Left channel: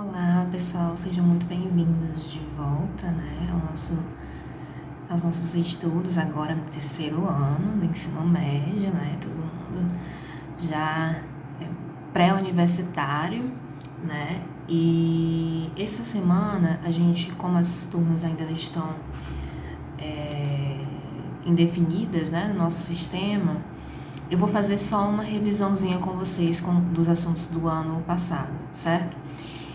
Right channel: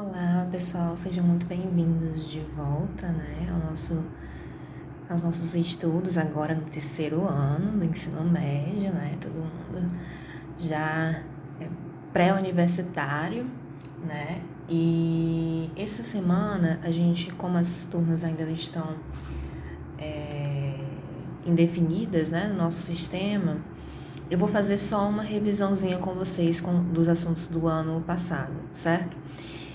Olá, pessoal, sejam muito bem-vindos de volta, né, aos nossos estudos agora no terceiro ano do ensino médio, né, todo mundo já é pré-universitário, né, e essa semana a gente, como as turmas ainda estão indefinidas, né, no nosso sistema, eu vou fazer só uma revisãozinha com vocês dos assuntos do ano passado, certo?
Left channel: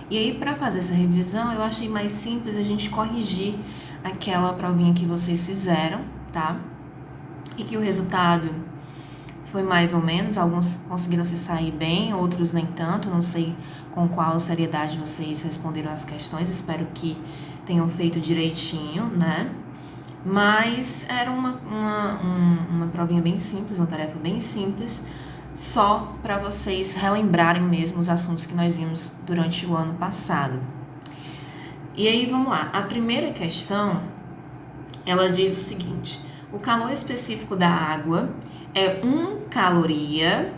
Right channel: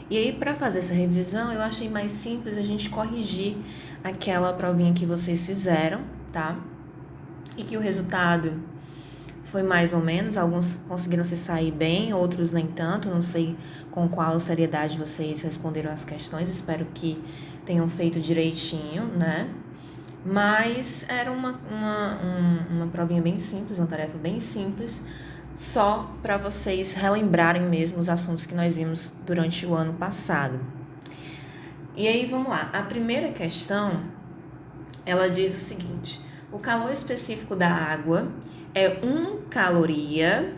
E aí, para fazer essa revisão, eu achei mais simples a gente corrigir aquela provinha que vocês fizeram, tá? E que o resultado foi mais ou menos, alguns conseguiram se sair bem, outros nem tanto, não sei com qual seriedade vocês responderam as questões, espero que tenham feito direitinho, né? Mas era uma provinha bem simples, uma tarefa bem simples, só para vocês relembrarem mesmo os assuntos que nós vimos durante o ano passado. E aí, vamos lá. A primeira questão, ela diz o seguinte: o calor específico da água é 1 caloria,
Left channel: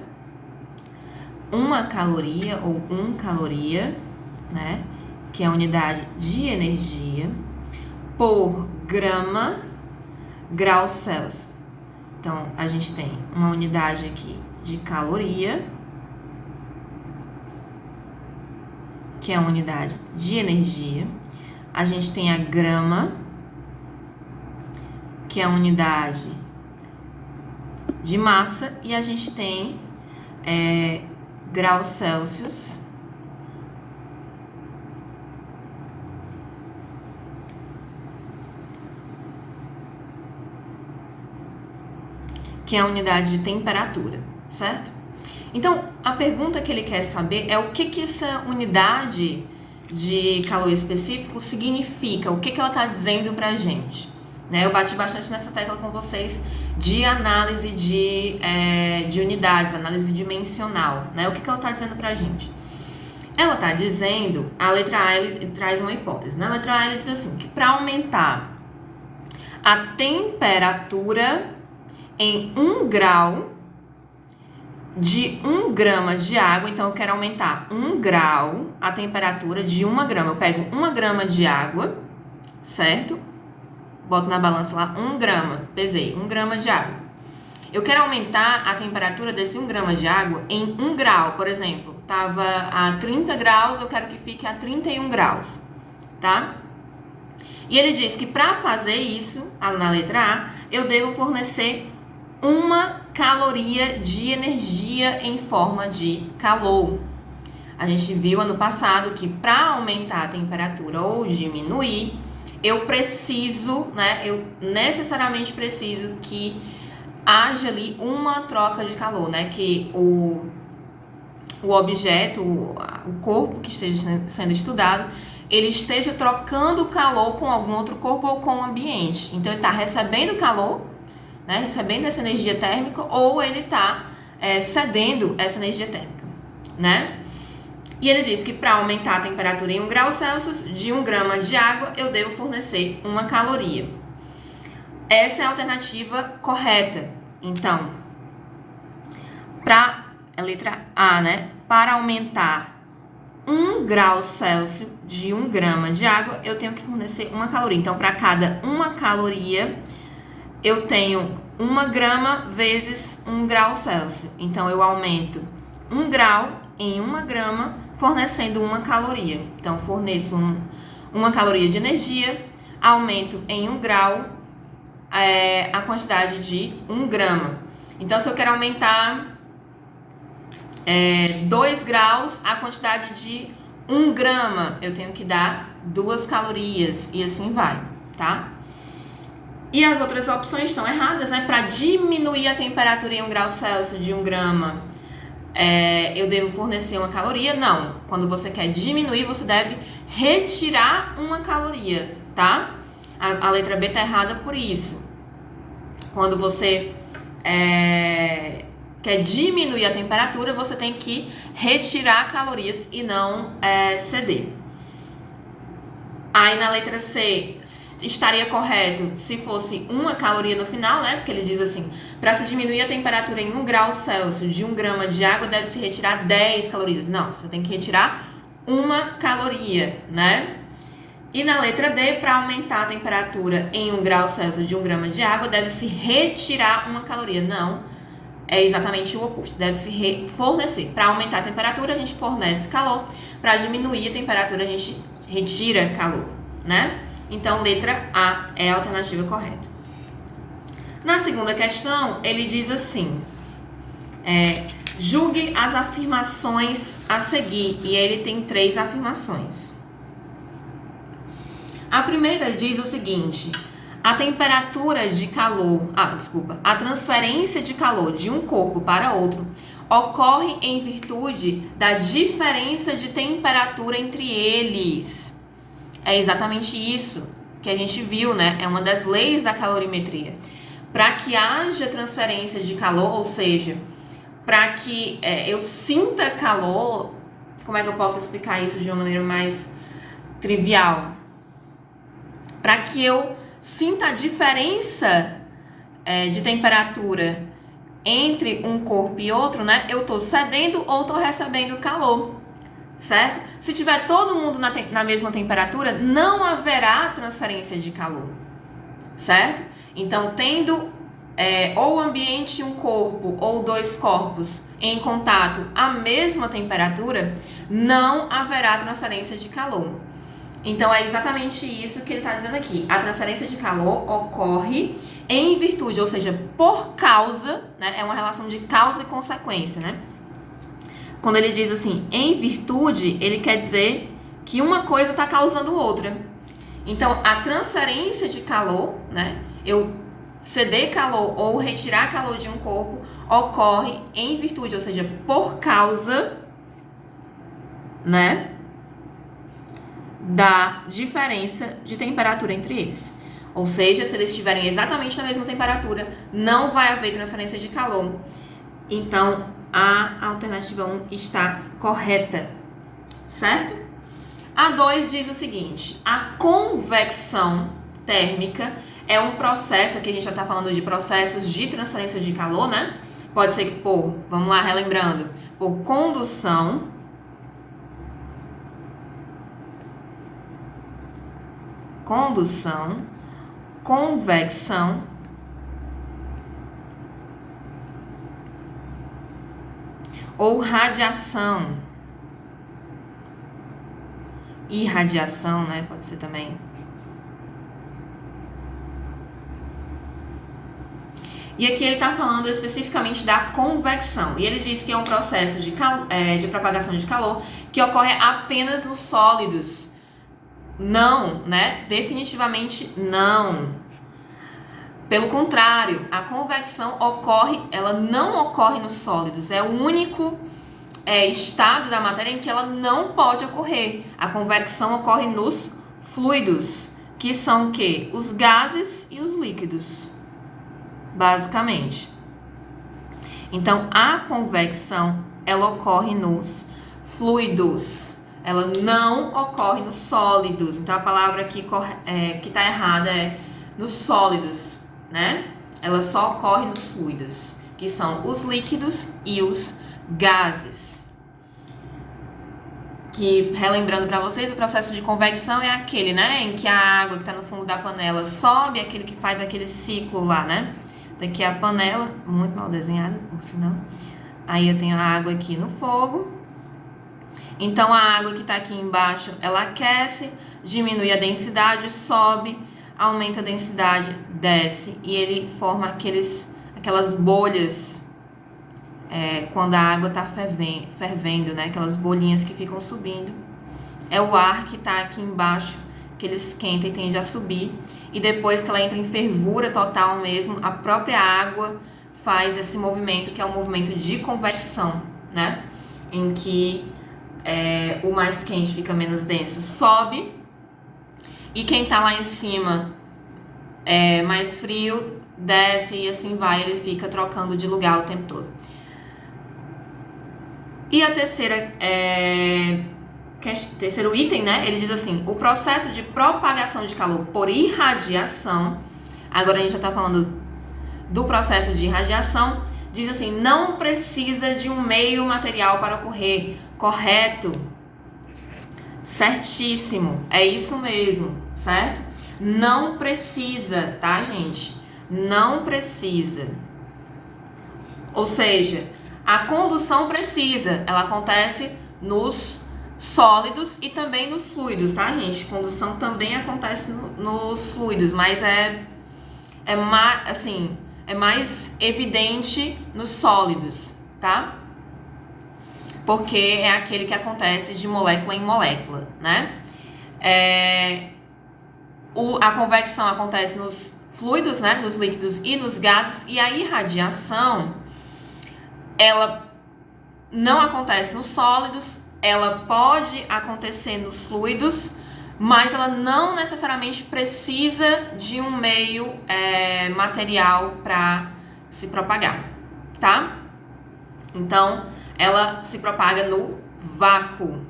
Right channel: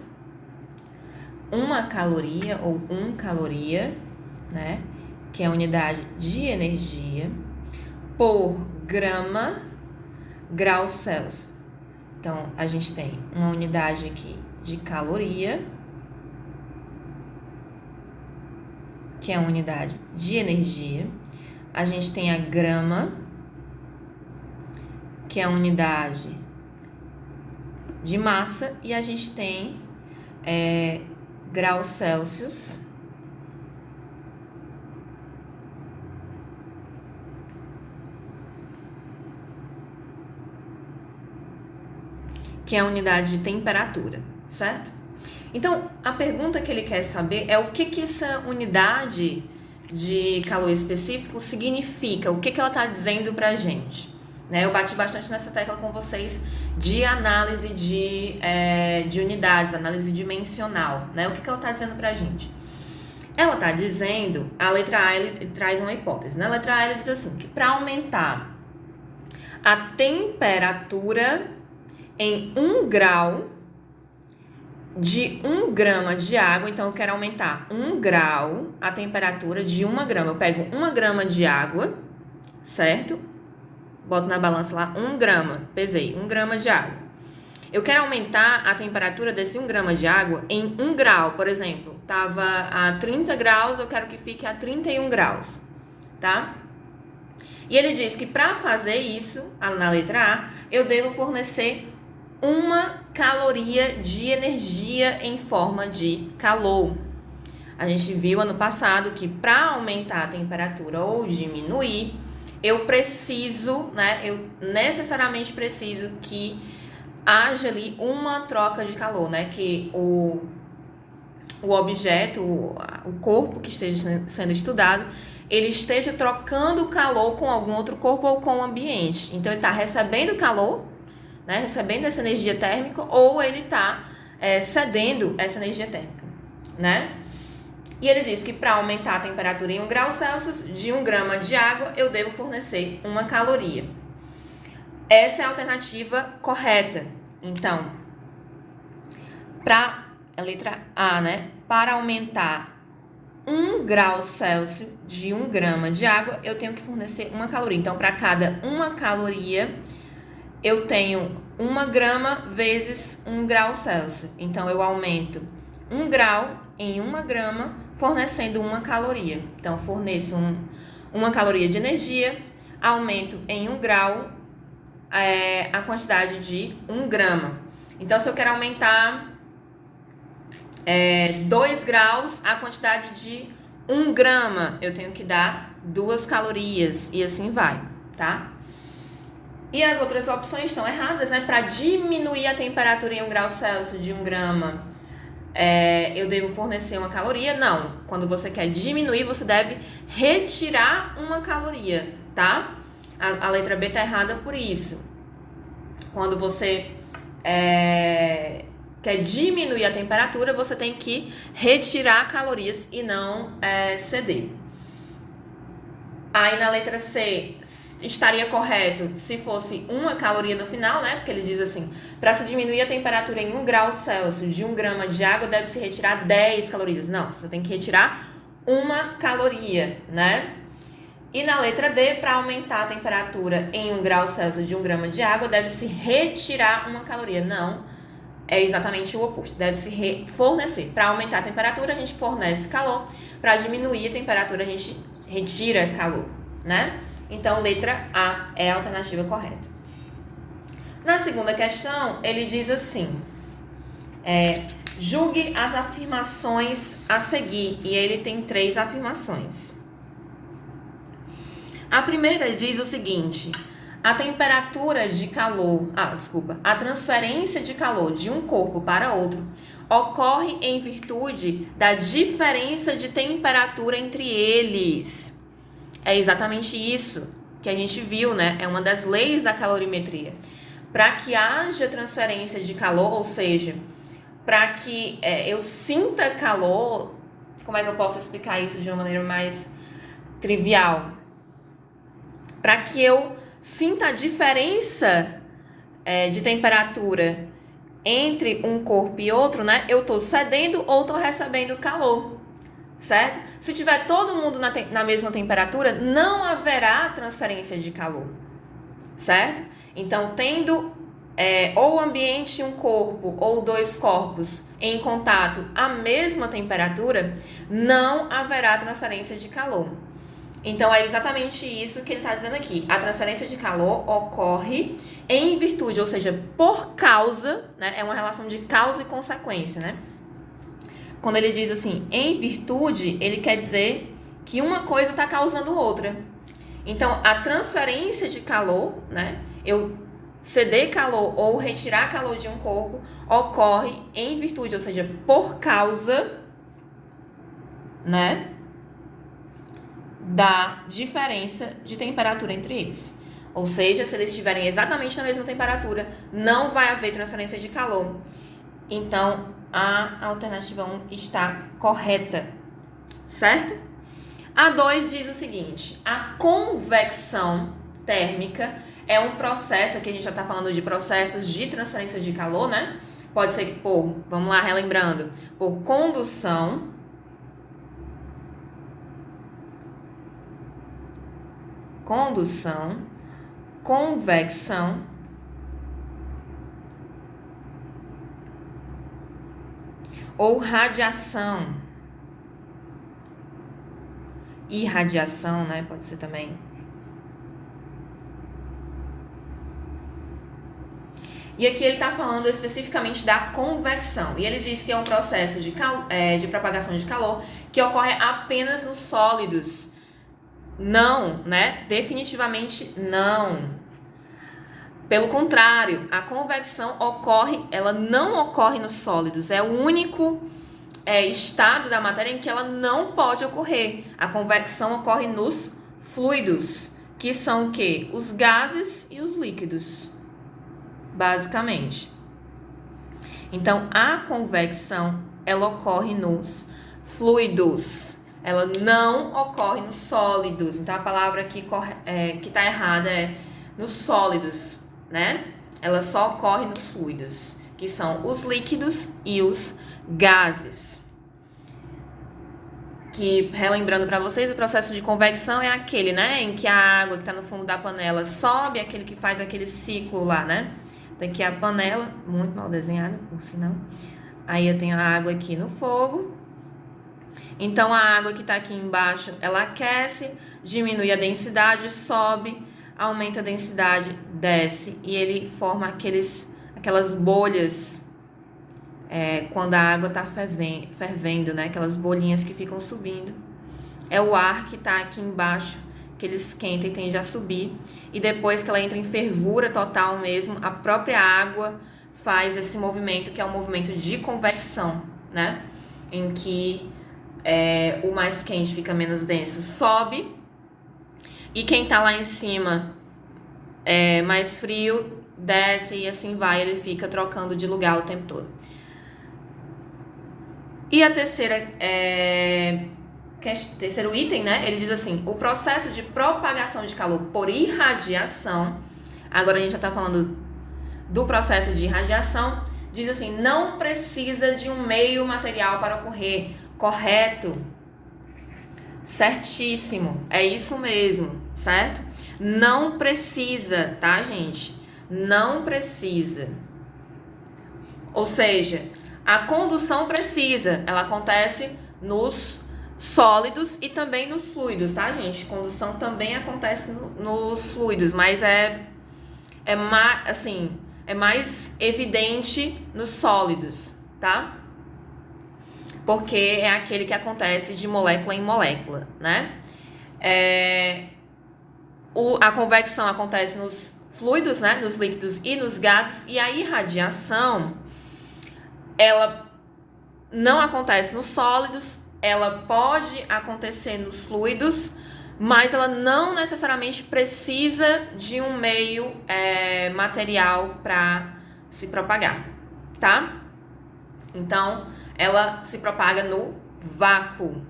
ou 1 caloria, né? Que é a unidade de energia, por grau Celsius. Então, a gente tem uma unidade aqui de caloria, que é a unidade de energia. A gente tem a grama, que é a unidade de massa. E a gente tem graus Celsius, que é a unidade de temperatura, certo? Então, a pergunta que ele quer saber é o que essa unidade de calor específico significa, o que ela está dizendo para a gente. Né? Eu bati bastante nessa tecla com vocês de análise de unidades, análise dimensional. Né? O que ela está dizendo para a gente? Ela está dizendo, a letra A ele traz uma hipótese. Na letra A ele diz assim, que para aumentar a temperatura em 1 grau de 1 grama de água, então eu quero aumentar 1 grau a temperatura de 1 grama. Eu pego 1 grama de água, certo? Boto na balança lá 1 grama, pesei, 1 grama de água. Eu quero aumentar a temperatura desse 1 grama de água em 1 grau, por exemplo. Tava a 30 graus, eu quero que fique a 31 graus, tá? E ele diz que para fazer isso, na letra A, eu devo fornecer 1 caloria de energia em forma de calor. A gente viu ano passado que para aumentar a temperatura ou diminuir, eu preciso, né? Eu necessariamente preciso que haja ali uma troca de calor, né? Que o objeto, o corpo que esteja sendo estudado, ele esteja trocando calor com algum outro corpo ou com o ambiente. Então, ele está recebendo calor, né, recebendo essa energia térmica, ou ele está cedendo essa energia térmica, né? E ele diz que para aumentar a temperatura em 1 grau Celsius, de 1 grama de água, eu devo fornecer 1 caloria. Essa é a alternativa correta. Então, para a letra A, né? Para aumentar 1 grau Celsius de 1 grama de água, eu tenho que fornecer 1 caloria. Então, para cada 1 caloria, eu tenho 1 grama vezes 1 grau Celsius. Então, eu aumento 1 grau em 1 grama, fornecendo 1 caloria. Então, forneço 1 caloria de energia, aumento em 1 grau a quantidade de 1 grama. Então, se eu quero aumentar 2 graus, a quantidade de 1 grama, eu tenho que dar 2 calorias, e assim vai, tá? E as outras opções estão erradas, né? Para diminuir a temperatura em 1 grau Celsius de 1 grama, eu devo fornecer 1 caloria? Não. Quando você quer diminuir, você deve retirar 1 caloria, tá? A letra B está errada por isso. Quando você quer diminuir a temperatura, você tem que retirar calorias e não ceder. Aí na letra C, estaria correto se fosse 1 caloria no final, né? Porque ele diz assim, para se diminuir a temperatura em 1 grau Celsius de 1 grama de água, deve-se retirar 10 calorias. Não, você tem que retirar uma caloria, né? E na letra D, para aumentar a temperatura em 1 grau Celsius de 1 grama de água, deve-se retirar uma caloria. Não, é exatamente o oposto. Deve-se fornecer. Para aumentar a temperatura, a gente fornece calor. Para diminuir a temperatura, a gente retira calor, né? Então, letra A é a alternativa correta. Na segunda questão, ele diz assim, julgue as afirmações a seguir. E ele tem 3 afirmações. A primeira diz o seguinte: a temperatura de calor, a transferência de calor de um corpo para outro ocorre em virtude da diferença de temperatura entre eles. É exatamente isso que a gente viu, né? É uma das leis da calorimetria. Para que haja transferência de calor, ou seja, para que eu sinta calor, como é que eu posso explicar isso de uma maneira mais trivial? Para que eu sinta a diferença de temperatura entre um corpo e outro, né? Eu estou cedendo ou estou recebendo calor, certo? Se tiver todo mundo na mesma temperatura, não haverá transferência de calor, certo? Então, tendo ou o ambiente um corpo ou 2 corpos em contato à mesma temperatura, não haverá transferência de calor. Então, é exatamente isso que ele está dizendo aqui. A transferência de calor ocorre em virtude, ou seja, por causa, né? É uma relação de causa e consequência, né? Quando ele diz assim, em virtude, ele quer dizer que uma coisa está causando outra. Então, a transferência de calor, né? Eu ceder calor ou retirar calor de um corpo ocorre em virtude, ou seja, por causa, né? Da diferença de temperatura entre eles. Ou seja, se eles estiverem exatamente na mesma temperatura, não vai haver transferência de calor. Então, a alternativa 1 está correta, certo? A 2 diz o seguinte: a convecção térmica é um processo, aqui a gente já está falando de processos de transferência de calor, né? Pode ser que vamos lá, relembrando, por condução, convecção ou radiação. Irradiação, né? Pode ser também. E aqui ele está falando especificamente da convecção. E ele diz que é um processo de propagação de calor que ocorre apenas nos sólidos. Não, né? Definitivamente não. Pelo contrário, a convecção ela não ocorre nos sólidos. É o único estado da matéria em que ela não pode ocorrer. A convecção ocorre nos fluidos, que são o quê? Os gases e os líquidos, basicamente. Então, a convecção, ela ocorre nos fluidos. Ela não ocorre nos sólidos. Então, a palavra aqui que está errada é nos sólidos, né? Ela só ocorre nos fluidos, que são os líquidos e os gases. Que, relembrando para vocês, o processo de convecção é aquele, né? Em que a água que está no fundo da panela sobe, aquele que faz aquele ciclo lá, né? Daqui a panela, muito mal desenhada, por sinal. Aí eu tenho a água aqui no fogo. Então, a água que está aqui embaixo, ela aquece, diminui a densidade, sobe, aumenta a densidade, desce. E ele forma aquelas bolhas quando a água está fervendo, né? Aquelas bolinhas que ficam subindo. É o ar que está aqui embaixo, que ele esquenta e tende a subir. E depois que ela entra em fervura total mesmo, a própria água faz esse movimento, que é um movimento de convecção, né? Em que o mais quente fica menos denso, sobe, e quem está lá em cima mais frio, desce, e assim vai, ele fica trocando de lugar o tempo todo. E a terceiro item, né? Ele diz assim: o processo de propagação de calor por irradiação, agora a gente já está falando do processo de irradiação, diz assim: não precisa de um meio material para ocorrer. Correto. Certíssimo, é isso mesmo, certo? Não precisa, tá, gente? Não precisa. Ou seja, a condução precisa, ela acontece nos sólidos e também nos fluidos, tá, gente? Condução também acontece nos fluidos, mas é mais evidente nos sólidos, tá? Porque é aquele que acontece de molécula em molécula, né? A convecção acontece nos fluidos, né? Nos líquidos e nos gases, e a irradiação, ela não acontece nos sólidos, ela pode acontecer nos fluidos, mas ela não necessariamente precisa de um meio material para se propagar, tá? Então, ela se propaga no vácuo,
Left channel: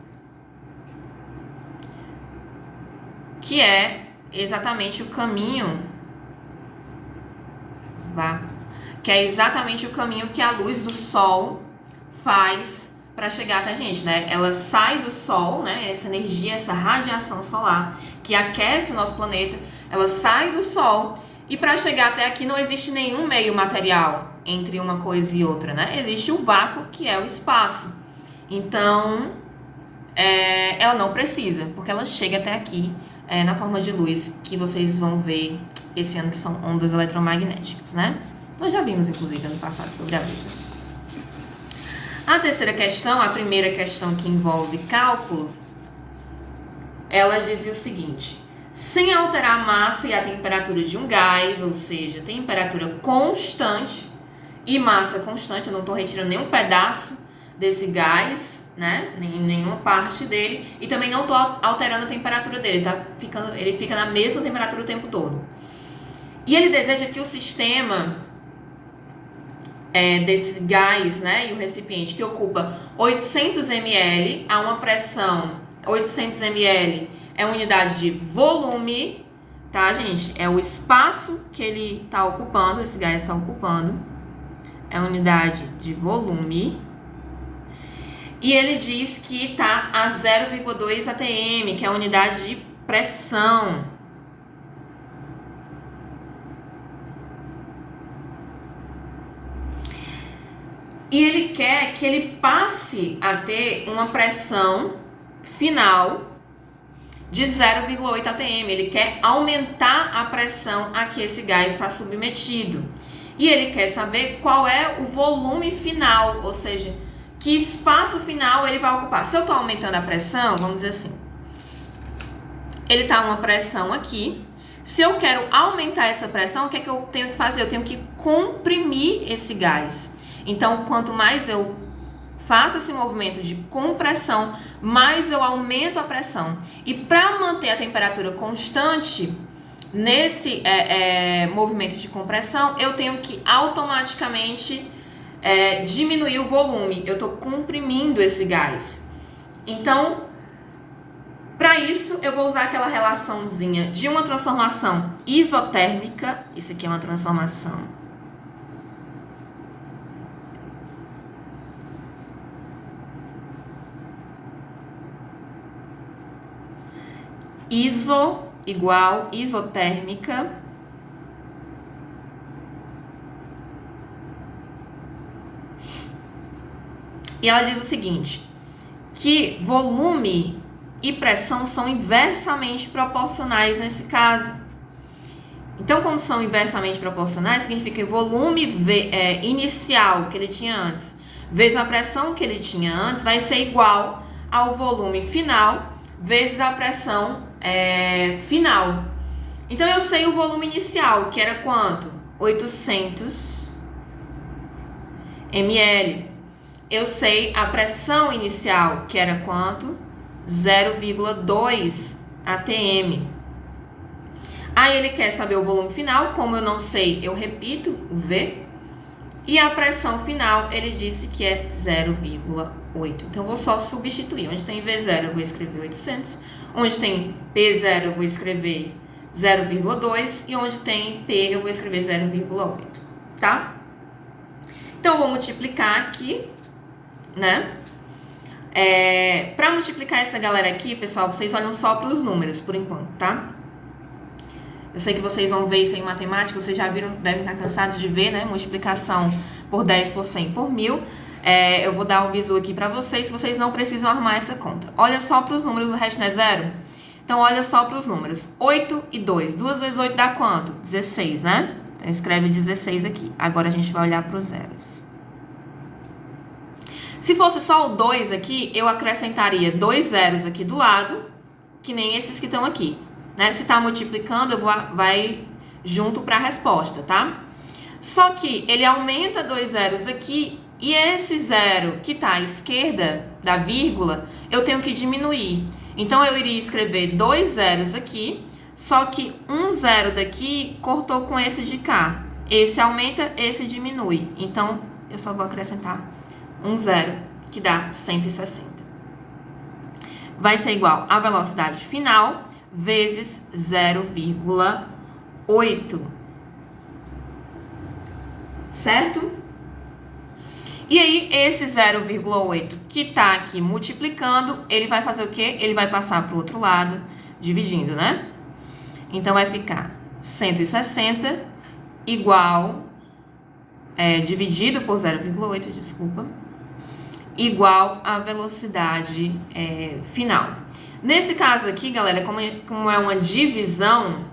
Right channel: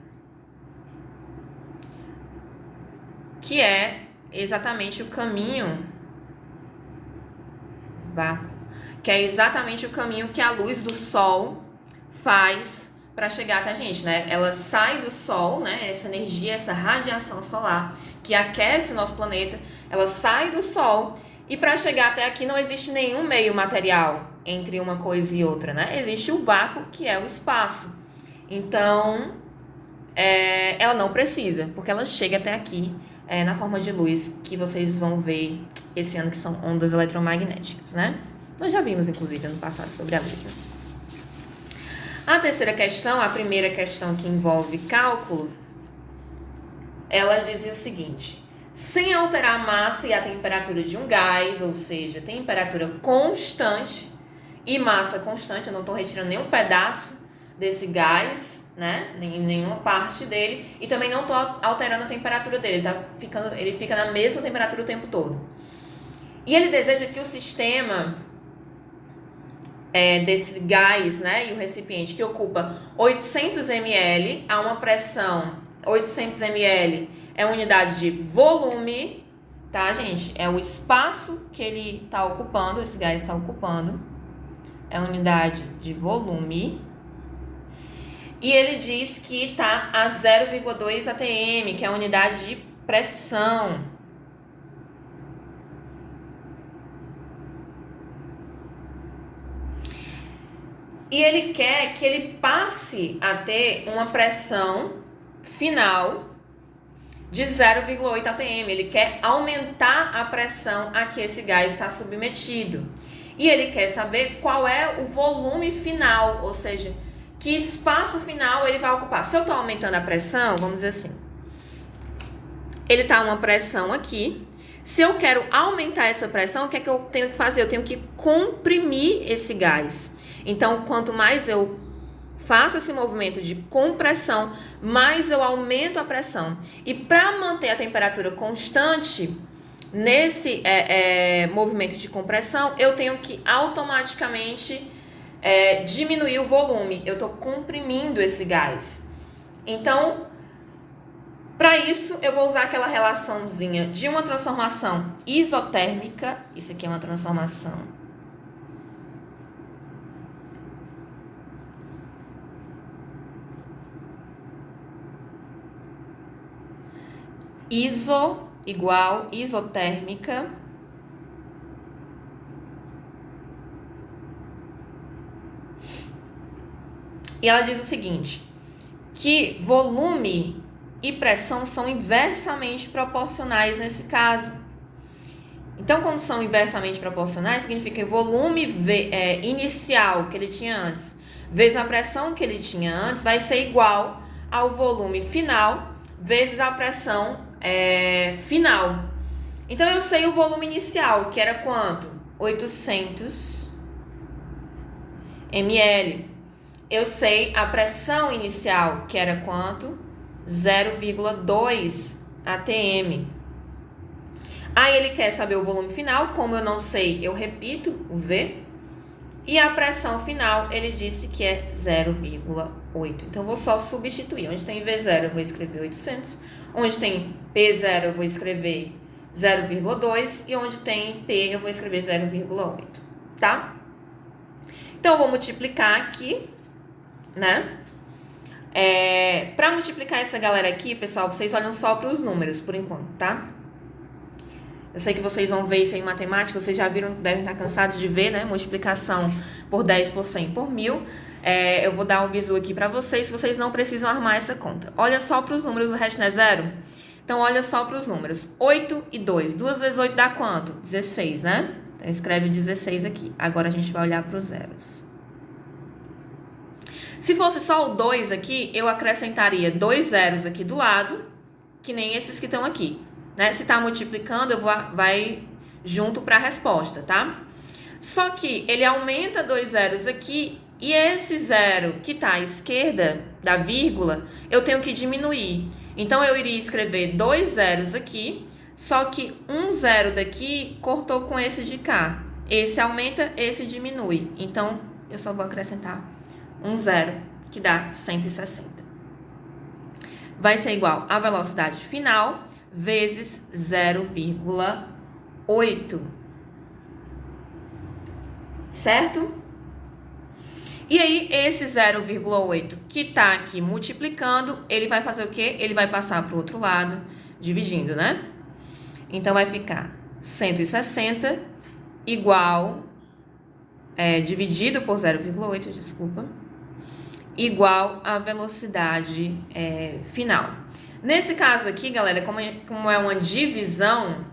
que é exatamente o caminho que é exatamente o caminho que a luz do sol faz para chegar até a gente, né? Ela sai do sol, né? Essa energia, essa radiação solar que aquece o nosso planeta, ela sai do sol e para chegar até aqui não existe nenhum meio material entre uma coisa e outra, né? Existe o vácuo, que é o espaço. Então, ela não precisa, porque ela chega até aqui na forma de luz que vocês vão ver esse ano, que são ondas eletromagnéticas, né? Nós já vimos, inclusive, ano passado sobre a luz. A terceira questão, a primeira questão que envolve cálculo, ela dizia o seguinte: sem alterar a massa e a temperatura de um gás, ou seja, temperatura constante e massa constante, eu não estou retirando nenhum pedaço desse gás, né? Nenhuma parte dele, e também não estou alterando a temperatura dele, ele fica na mesma temperatura o tempo todo. E ele deseja que o sistema desse gás, né, e o recipiente que ocupa 800 ml a uma pressão, 800 ml é unidade de volume, tá, gente? É o espaço que ele está ocupando, esse gás está ocupando, é unidade de volume. E ele diz que está a 0,2 atm, que é a unidade de pressão. E ele quer que ele passe a ter uma pressão final de 0,8 atm. Ele quer aumentar a pressão a que esse gás está submetido. E ele quer saber qual é o volume final, ou seja, que espaço final ele vai ocupar. Se eu estou aumentando a pressão, vamos dizer assim, ele está uma pressão aqui. Se eu quero aumentar essa pressão, o que é que eu tenho que fazer? Eu tenho que comprimir esse gás. Então, quanto mais eu faço esse movimento de compressão, mais eu aumento a pressão. E para manter a temperatura constante nesse movimento de compressão, eu tenho que automaticamente diminuir o volume. Eu estou comprimindo esse gás. Então, para isso, eu vou usar aquela relaçãozinha de uma transformação isotérmica. Isso aqui é uma transformação igual isotérmica. E ela diz o seguinte, que volume e pressão são inversamente proporcionais nesse caso. Então, como são inversamente proporcionais, significa que o volume inicial que ele tinha antes vezes a pressão que ele tinha antes vai ser igual ao volume final vezes a pressão final. Então, eu sei o volume inicial, que era quanto? 800 ml. Eu sei a pressão inicial, que era quanto? 0,2 atm. Aí ele quer saber o volume final, como eu não sei, eu repito o V. E a pressão final, ele disse que é 0,8. Então, eu vou só substituir. Onde tem V0, eu vou escrever 800. Onde tem P0, eu vou escrever 0,2. E onde tem P, eu vou escrever 0,8. Tá? Então, eu vou multiplicar aqui, né? Para multiplicar essa galera aqui, pessoal, vocês olham só para os números, por enquanto, tá? Eu sei que vocês vão ver isso em matemática, vocês já viram, devem estar cansados de ver, né? Multiplicação por 10 por 100 por 1000. Eu vou dar um bizu aqui para vocês não precisam armar essa conta. Olha só para os números, o resto não é zero? Então, olha só para os números. 8 e 2. 2 vezes 8 dá quanto? 16, né? Então, escreve 16 aqui. Agora, a gente vai olhar para os zeros. Se fosse só o 2 aqui, eu acrescentaria 2 zeros aqui do lado, que nem esses que estão aqui, né? Se está multiplicando, vai junto para a resposta, tá? Só que ele aumenta 2 zeros aqui e esse zero que está à esquerda da vírgula, eu tenho que diminuir. Então, eu iria escrever 2 zeros aqui, só que um zero daqui cortou com esse de cá. Esse aumenta, esse diminui. Então, eu só vou acrescentar um zero, que dá 160. Vai ser igual a velocidade final vezes 0,8. Certo? E aí, esse 0,8 que está aqui multiplicando, ele vai fazer o quê? Ele vai passar para o outro lado, dividindo, né? Então, vai ficar 160 igual, dividido por 0,8, desculpa, igual à velocidade final. Nesse caso aqui, galera, como é uma divisão,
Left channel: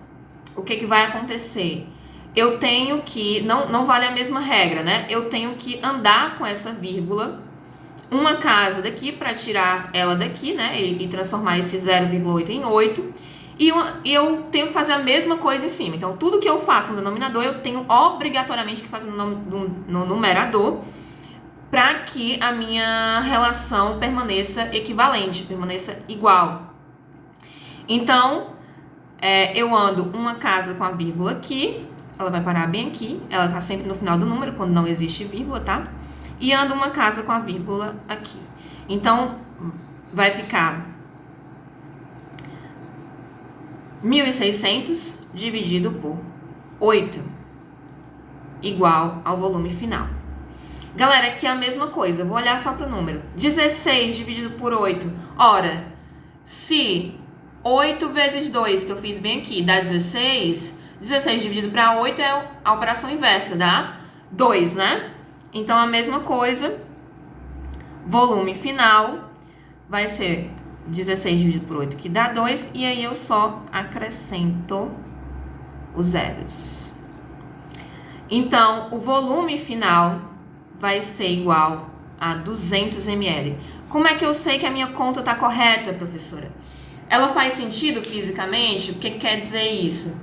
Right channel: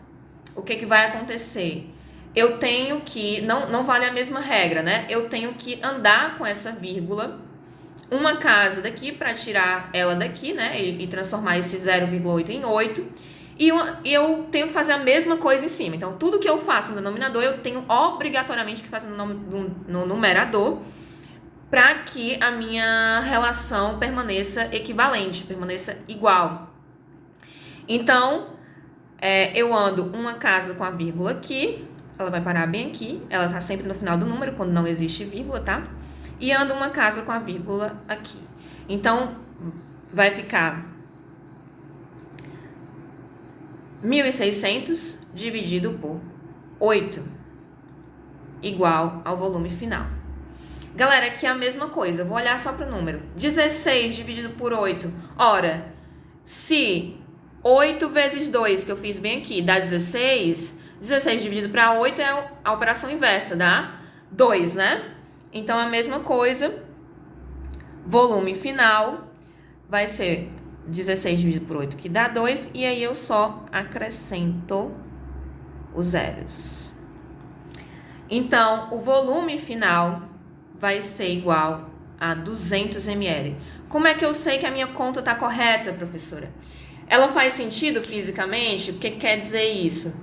o que vai acontecer? Eu tenho que, não vale a mesma regra, né? Eu tenho que andar com essa vírgula uma casa daqui para tirar ela daqui, né? E transformar esse 0,8 em 8. E eu tenho que fazer a mesma coisa em cima. Então, tudo que eu faço no denominador, eu tenho obrigatoriamente que fazer no numerador, para que a minha relação permaneça equivalente, permaneça igual. Então, eu ando uma casa com a vírgula aqui, ela vai parar bem aqui, ela está sempre no final do número, quando não existe vírgula, tá? E ando uma casa com a vírgula aqui. Então, vai ficar 1.600 dividido por 8, igual ao volume final. Galera, aqui é a mesma coisa, eu vou olhar só para o número. 16 dividido por 8. Ora, se 8 vezes 2, que eu fiz bem aqui, dá 16, 16 dividido para 8 é a operação inversa, dá 2, né? Então, a mesma coisa, volume final vai ser 16 dividido por 8, que dá 2, e aí eu só acrescento os zeros. Então, o volume final vai ser igual a 200 ml. Como é que eu sei que a minha conta está correta, professora? Ela faz sentido fisicamente? O que quer dizer isso?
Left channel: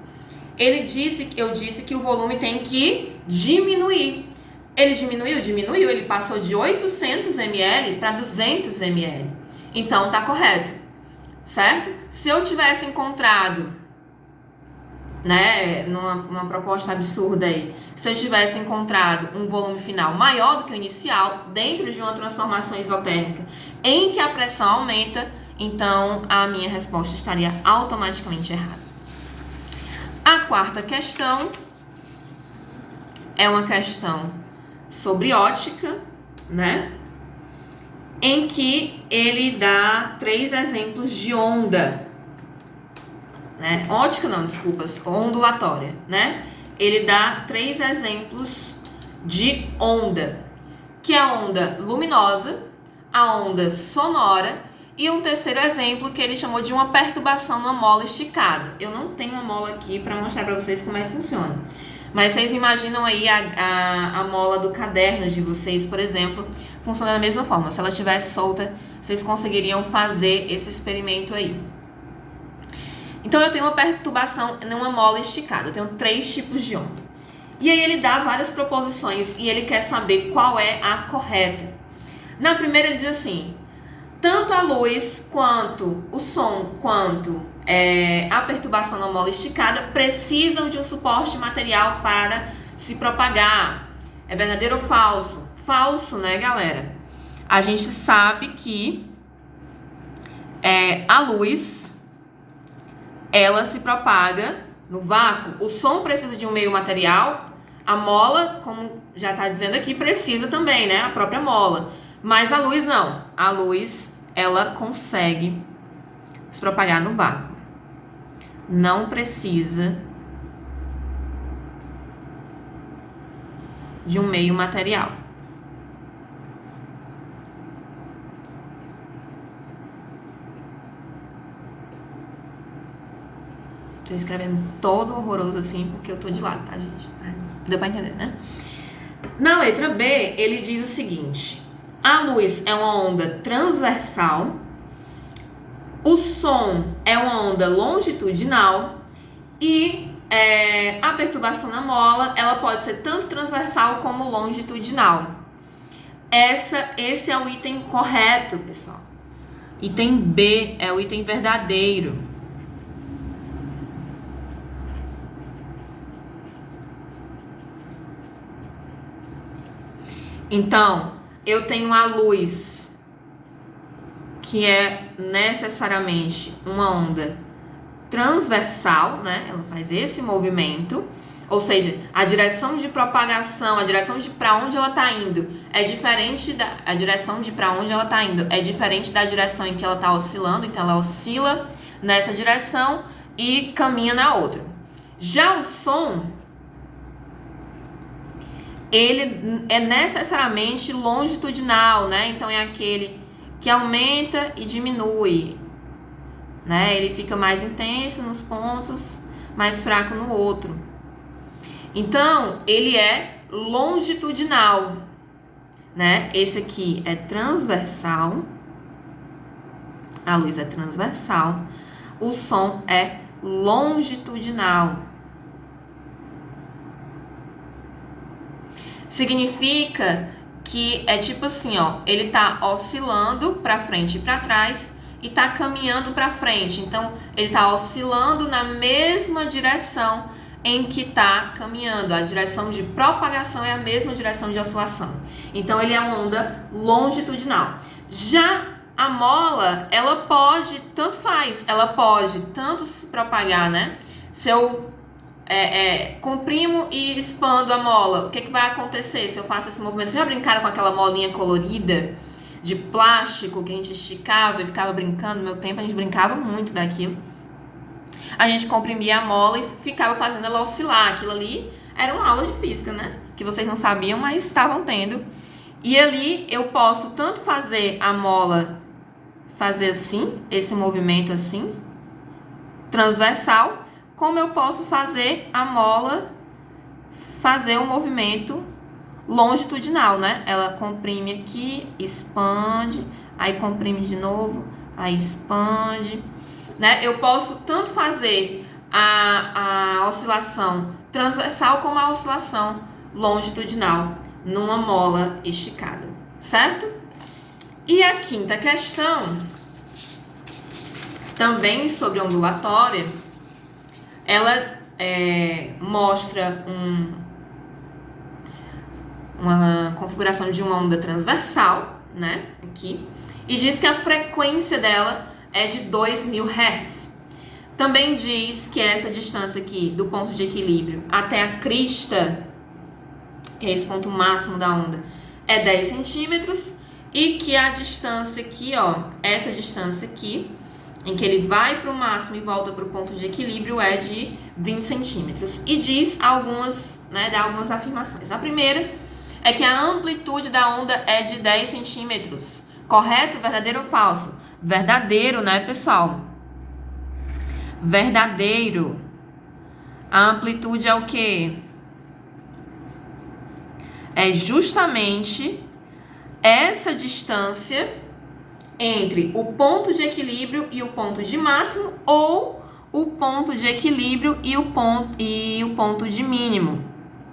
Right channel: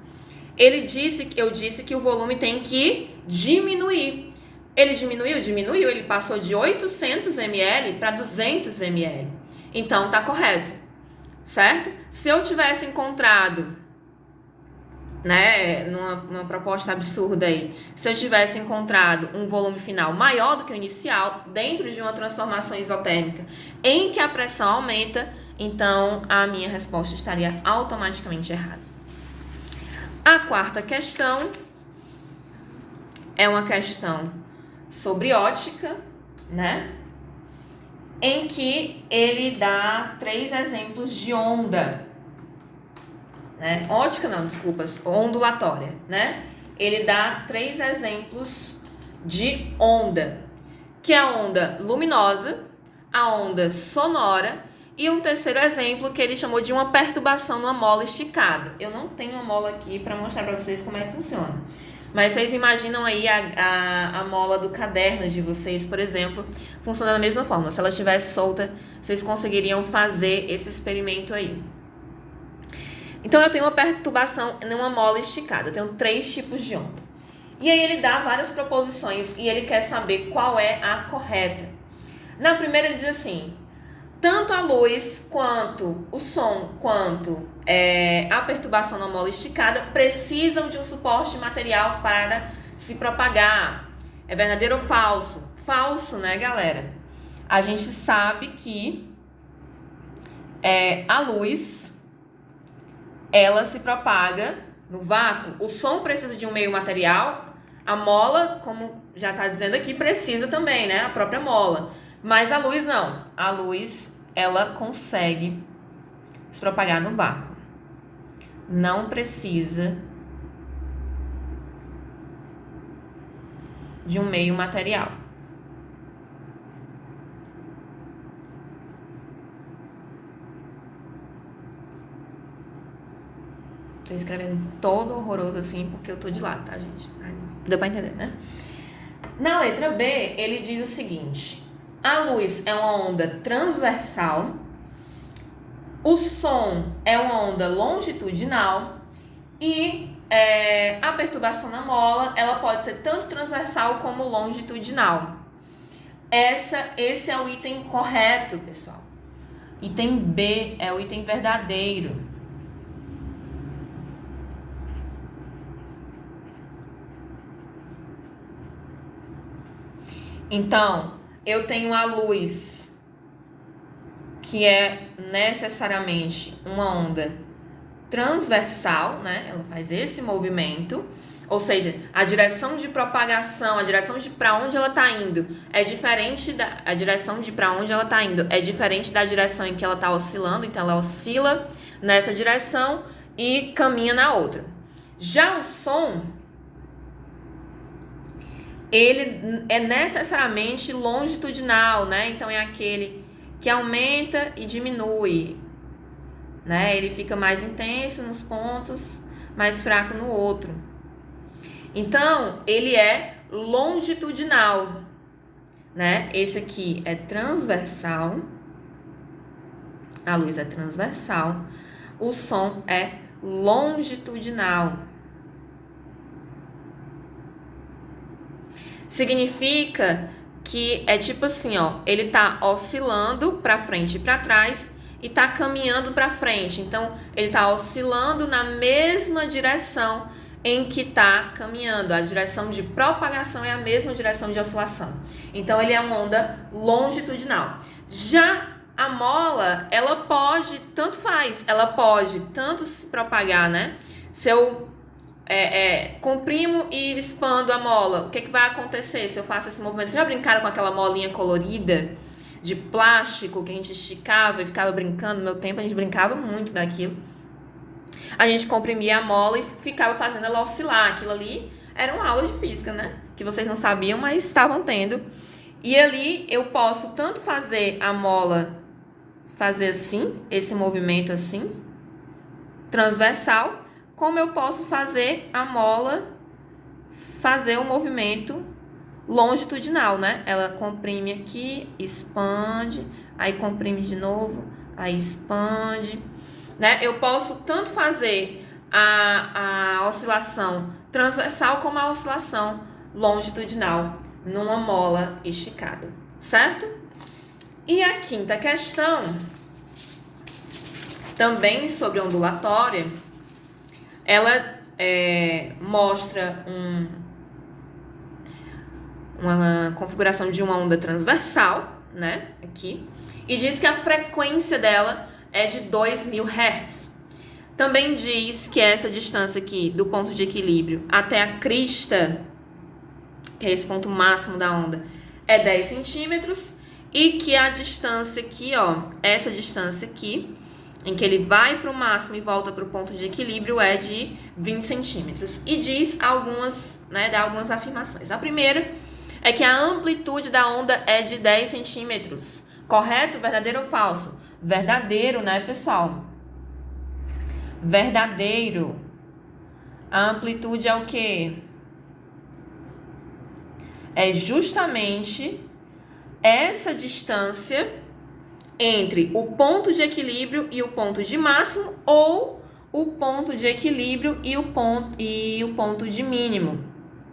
Eu disse que o volume tem que diminuir. Ele diminuiu, ele passou de 800 ml para 200 ml. Então, está correto, certo? Se eu tivesse encontrado, né, numa proposta absurda aí, se eu tivesse encontrado um volume final maior do que o inicial, dentro de uma transformação isotérmica em que a pressão aumenta, então a minha resposta estaria automaticamente errada. A quarta questão é uma questão sobre ótica, né, em que ele dá 3 exemplos de onda. Né? Ótica não, desculpas, ondulatória, né? Ele dá 3 exemplos de onda, que é a onda luminosa, a onda sonora e um terceiro exemplo que ele chamou de uma perturbação numa mola esticada. Eu não tenho uma mola aqui para mostrar para vocês como é que funciona, mas vocês imaginam aí a mola do caderno de vocês, por exemplo, funciona da mesma forma. Se ela estivesse solta, vocês conseguiriam fazer esse experimento aí. Então, eu tenho uma perturbação numa mola esticada. Eu tenho 3 tipos de onda. E aí, ele dá várias proposições e ele quer saber qual é a correta. Na primeira, ele diz assim: tanto a luz, quanto o som, quanto a perturbação na mola esticada precisam de um suporte material para se propagar. É verdadeiro ou falso? Falso, né, galera? A gente sabe que a luz, ela se propaga no vácuo. O som precisa de um meio material. A mola, como já está dizendo aqui, precisa também, né? A própria mola. Mas a luz não. A luz, ela consegue se propagar no vácuo. Não precisa de um meio material. Tô escrevendo todo horroroso assim porque eu tô de lado, tá, gente? Deu pra entender, né? Na letra B, ele diz o seguinte: a luz é uma onda transversal, o som é uma onda longitudinal e a perturbação na mola, ela pode ser tanto transversal como longitudinal. Esse é o item correto, pessoal. Item B é o item verdadeiro. Então, eu tenho a luz, que é necessariamente uma onda transversal, né? Ela faz esse movimento, ou seja, a direção de propagação, a direção de para onde ela está indo é diferente a direção de para onde ela está indo é diferente da direção em que ela está oscilando, então ela oscila nessa direção e caminha na outra. Já o som, ele é necessariamente longitudinal, né? Então é aquele que aumenta e diminui, né? Ele fica mais intenso nos pontos, mais fraco no outro. Então, ele é longitudinal, né? Esse aqui é transversal. A luz é transversal. O som é longitudinal. Significa que é tipo assim, ó, ele tá oscilando para frente e para trás e tá caminhando para frente. Então, ele tá oscilando na mesma direção em que tá caminhando. A direção de propagação é a mesma direção de oscilação. Então, ele é uma onda longitudinal. Já a mola, ela pode, tanto faz, ela pode tanto se propagar, né? Se eu comprimo e expando a mola, o que vai acontecer se eu faço esse movimento? Vocês já brincaram com aquela molinha colorida de plástico que a gente esticava e ficava brincando? No meu tempo a gente brincava muito daquilo. A gente comprimia a mola e ficava fazendo ela oscilar. Aquilo ali era uma aula de física, né? Que vocês não sabiam, mas estavam tendo. E ali eu posso tanto fazer a mola fazer assim, esse movimento assim, transversal, como eu posso fazer a mola fazer o movimento longitudinal, né? Ela comprime aqui, expande, aí comprime de novo, aí expande, né? Eu posso tanto fazer a oscilação transversal como a oscilação longitudinal numa mola esticada, certo? E a quinta questão, também sobre ondulatória, ela mostra uma configuração de uma onda transversal, né, aqui, e diz que a frequência dela é de 2.000 Hz. Também diz que essa distância aqui, do ponto de equilíbrio até a crista, que é esse ponto máximo da onda, é 10 centímetros, e que a distância aqui, ó, essa distância aqui, em que ele vai para o máximo e volta para o ponto de equilíbrio, é de 20 centímetros. E diz algumas, né, dá algumas afirmações. A primeira é que a amplitude da onda é de 10 centímetros. Correto? Verdadeiro ou falso? Verdadeiro, né, pessoal? Verdadeiro. A amplitude é o quê? É justamente essa distância entre o ponto de equilíbrio e o ponto de máximo, ou o ponto de equilíbrio e o ponto de mínimo.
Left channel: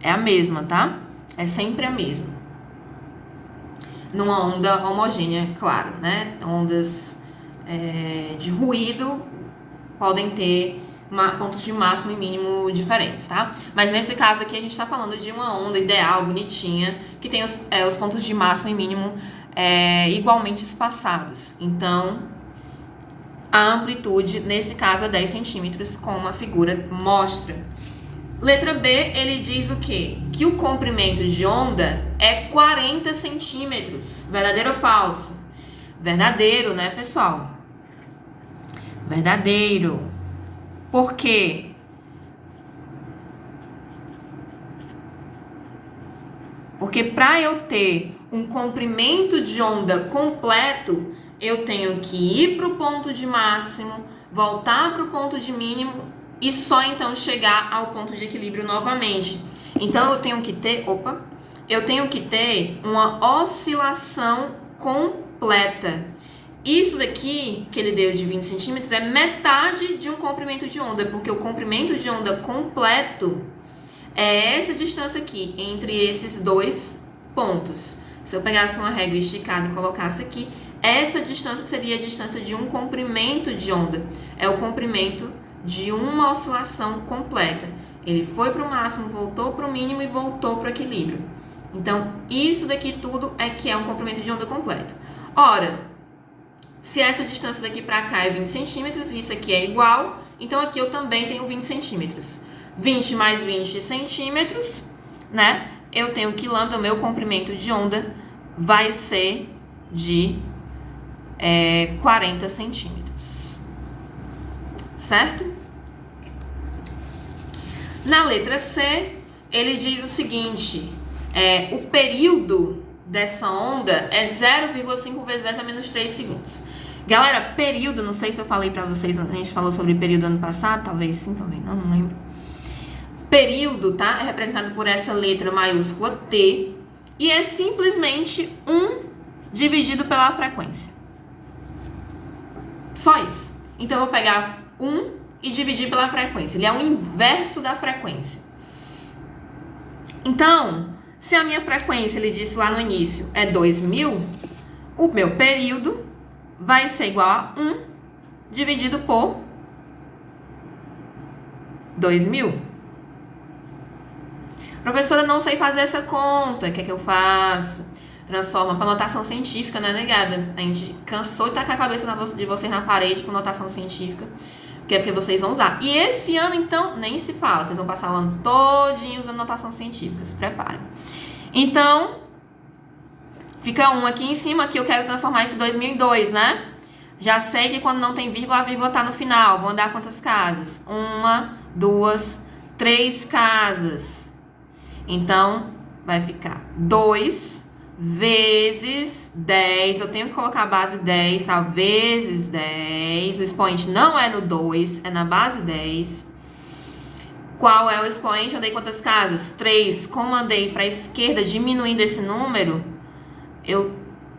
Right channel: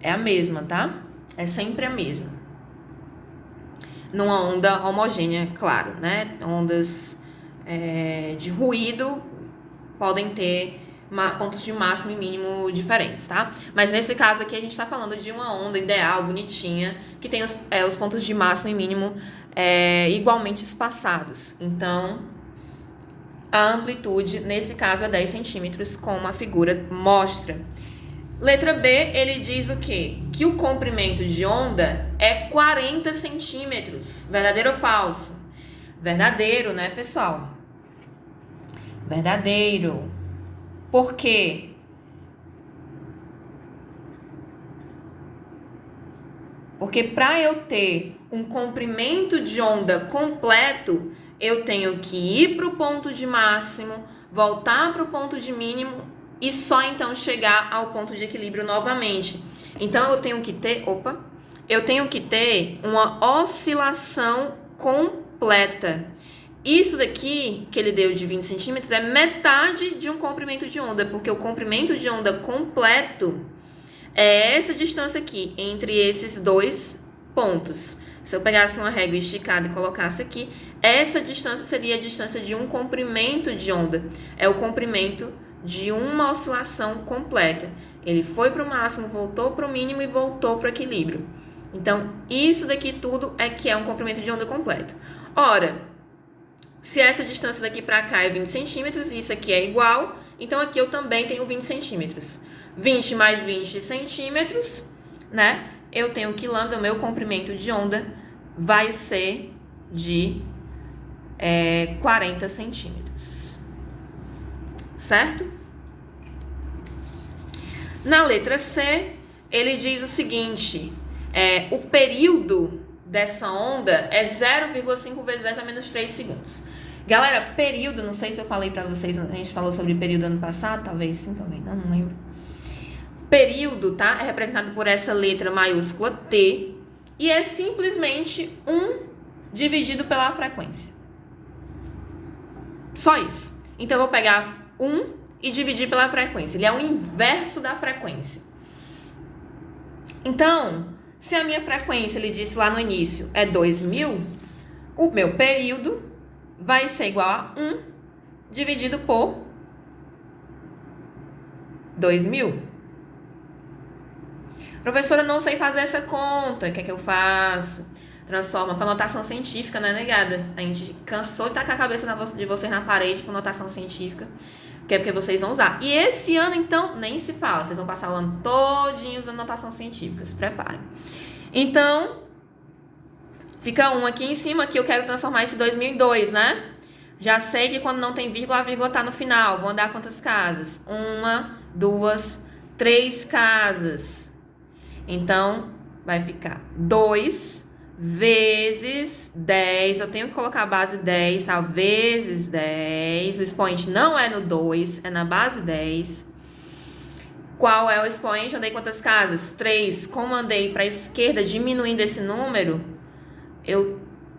É a mesma, tá? É sempre a mesma. Numa onda homogênea, claro, né? Ondas de ruído podem ter pontos de máximo e mínimo diferentes, tá? Mas nesse caso aqui a gente está falando de uma onda ideal, bonitinha, que tem os pontos de máximo e mínimo igualmente espaçados. Então, a amplitude, nesse caso, é 10 centímetros, como a figura mostra. Letra B, ele diz o quê? Que o comprimento de onda é 40 centímetros. Verdadeiro ou falso? Verdadeiro, né, pessoal? Verdadeiro. Por quê? Porque para eu ter um comprimento de onda completo, eu tenho que ir para o ponto de máximo, voltar para o ponto de mínimo e só então chegar ao ponto de equilíbrio novamente. Então eu tenho que ter uma oscilação completa. Isso daqui que ele deu de 20 centímetros é metade de um comprimento de onda, porque o comprimento de onda completo é essa distância aqui, entre esses dois pontos. Se eu pegasse uma régua esticada e colocasse aqui, essa distância seria a distância de um comprimento de onda. É o comprimento de uma oscilação completa. Ele foi para o máximo, voltou para o mínimo e voltou para o equilíbrio. Então, isso daqui tudo é que é um comprimento de onda completo. Ora, se essa distância daqui para cá é 20 centímetros, isso aqui é igual, então aqui eu também tenho 20 centímetros. 20 mais 20 centímetros, né? Eu tenho que lambda, o meu comprimento de onda vai ser de 40 centímetros. Certo? Na letra C, ele diz o seguinte, o período dessa onda é 0,5 vezes 10 a menos 3 segundos. Galera, período, não sei se eu falei pra vocês, a gente falou sobre período ano passado, talvez sim, talvez não lembro. Período, tá? É representado por essa letra maiúscula T e é simplesmente 1 dividido pela frequência. Só isso. Então, eu vou pegar 1 e dividir pela frequência. Ele é o inverso da frequência. Então, se a minha frequência, ele disse lá no início, é 2000, o meu período vai ser igual a 1 dividido por 2000. Professora, eu não sei fazer essa conta. O que é que eu faço? Transforma para notação científica, né, negada? A gente cansou de tacar a cabeça de vocês na parede com notação científica, que é porque vocês vão usar. E esse ano, então, nem se fala. Vocês vão passar o ano todinho usando notação científica. Se preparem. Então, fica 1 aqui em cima, que eu quero transformar esse 2000 em 2, né? Já sei que quando não tem vírgula, a vírgula tá no final. Vou andar quantas casas? 1, 2, 3 casas. Então, vai ficar 2 vezes 10. Eu tenho que colocar a base 10, tá? Vezes 10. O expoente não é no 2, é na base 10. Qual é o expoente? Eu andei quantas casas? 3. Como andei para a esquerda, diminuindo esse número,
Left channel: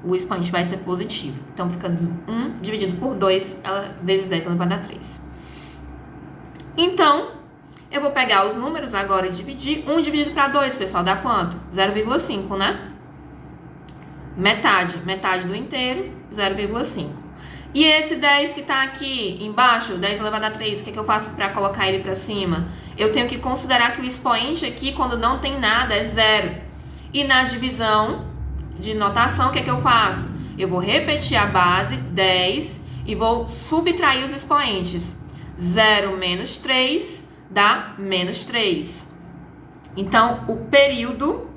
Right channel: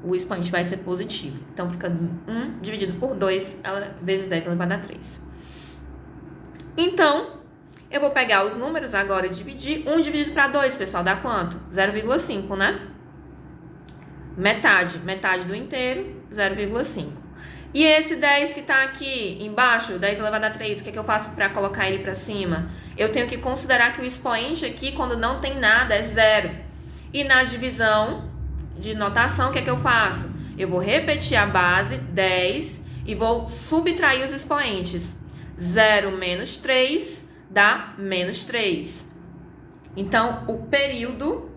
o expoente vai ser positivo. Então, fica 1 dividido por 2, vezes 10, ela vai dar 3. Então, eu vou pegar os números agora e dividir. 1 dividido para 2, pessoal, dá quanto? 0,5, né? Metade do inteiro, 0,5. E esse 10 que tá aqui embaixo, 10 elevado a 3, o que é que eu faço para colocar ele para cima? Eu tenho que considerar que o expoente aqui, quando não tem nada, é 0. E na divisão de notação, o que é que eu faço? Eu vou repetir a base, 10, e vou subtrair os expoentes. 0 menos 3 dá menos 3. Então, o período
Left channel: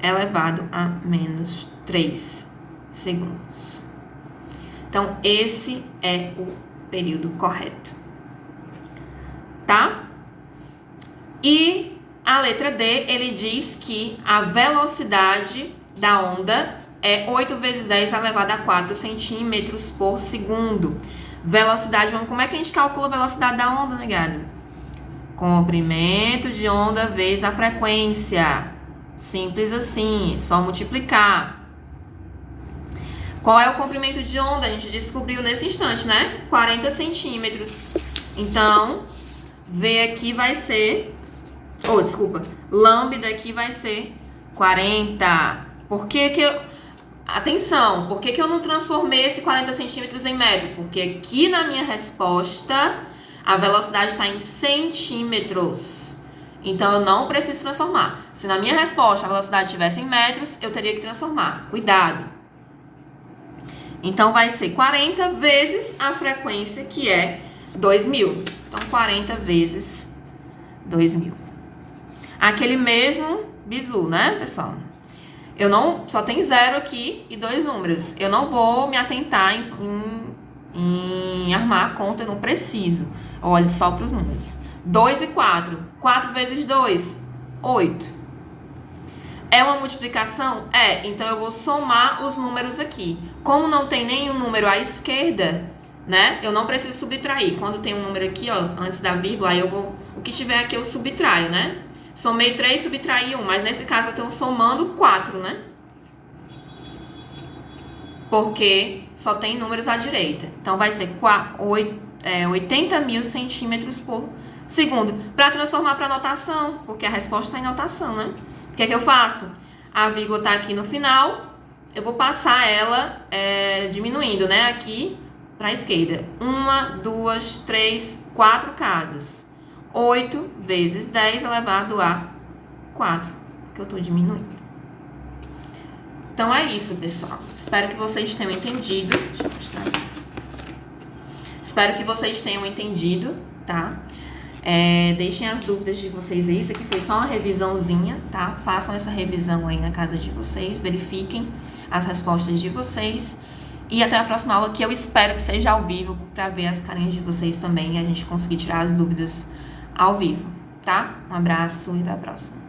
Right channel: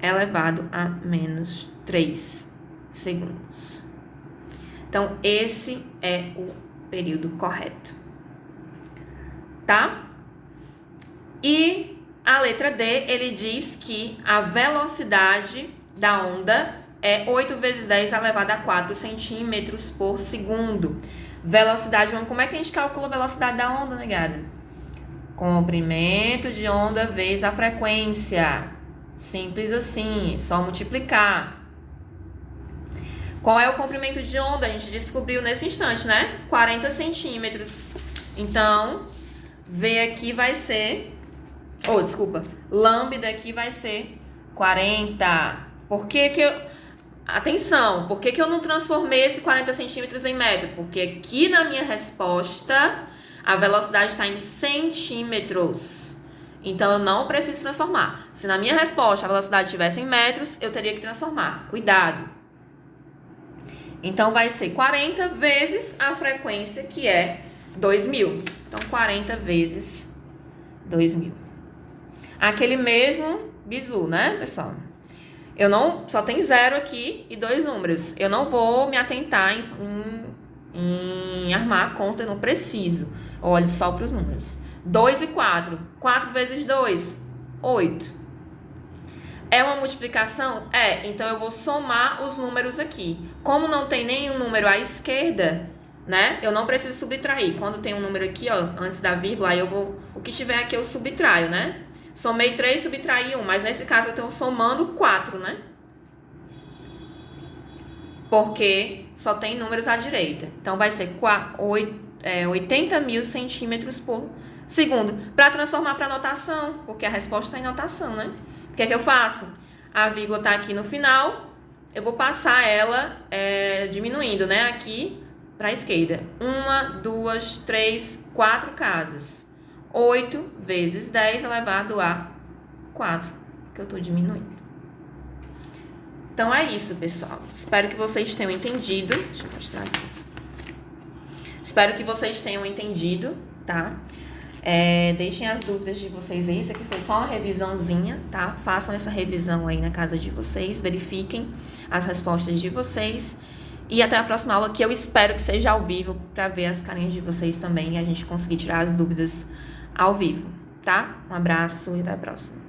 é elevado a menos 3 segundos. Então, esse é o período correto. Tá? E a letra D, ele diz que a velocidade da onda é 8 vezes 10 elevado a 4 centímetros por segundo. Velocidade, como é que a gente calcula a velocidade da onda, negada? Comprimento de onda vezes a frequência. Simples assim, só multiplicar. Qual é o comprimento de onda? A gente descobriu nesse instante, né? 40 centímetros. Então, V aqui vai ser... lambda aqui vai ser 40. Por que que eu... Atenção, por que eu não transformei esse 40 centímetros em metro? Porque aqui na minha resposta, a velocidade está em centímetros. Então, eu não preciso transformar. Se na minha resposta a velocidade estivesse em metros, eu teria que transformar. Cuidado. Então, vai ser 40 vezes a frequência, que é 2.000. Então, 40 vezes 2.000. Aquele mesmo bizu, né, pessoal? Eu não... Só tem 0 aqui e 2 números. Eu não vou me atentar em armar a conta, eu não preciso. Olhe só para os números. 2 e 4. 4 vezes 2, 8. É uma multiplicação? É. Então, eu vou somar os números aqui. Como não tem nenhum número à esquerda, né? Eu não preciso subtrair. Quando tem um número aqui, ó, antes da vírgula, aí eu vou... O que tiver aqui eu subtraio, né? Somei 3, subtraí 1. Mas nesse caso, eu estou somando 4, né? Porque só tem números à direita. Então, vai ser 80.000 centímetros por segundo. Para transformar para notação, porque a resposta está em notação, né? O que é que eu faço? A vírgula está aqui no final, eu vou passar ela diminuindo, né? Aqui para a esquerda. 1, 2, 3, 4 casas. 8 vezes 10 elevado a 4, que eu estou diminuindo. Então, é isso, pessoal. Espero que vocês tenham entendido. Deixa eu mostrar aqui. Espero que vocês tenham entendido, tá? Deixem as dúvidas de vocês aí. Isso aqui foi só uma revisãozinha, tá? Façam essa revisão aí na casa de vocês. Verifiquem as respostas de vocês. E até a próxima aula, que eu espero que seja ao vivo, para ver as carinhas de vocês também e a gente conseguir tirar as dúvidas ao vivo, tá? Um abraço e até a próxima.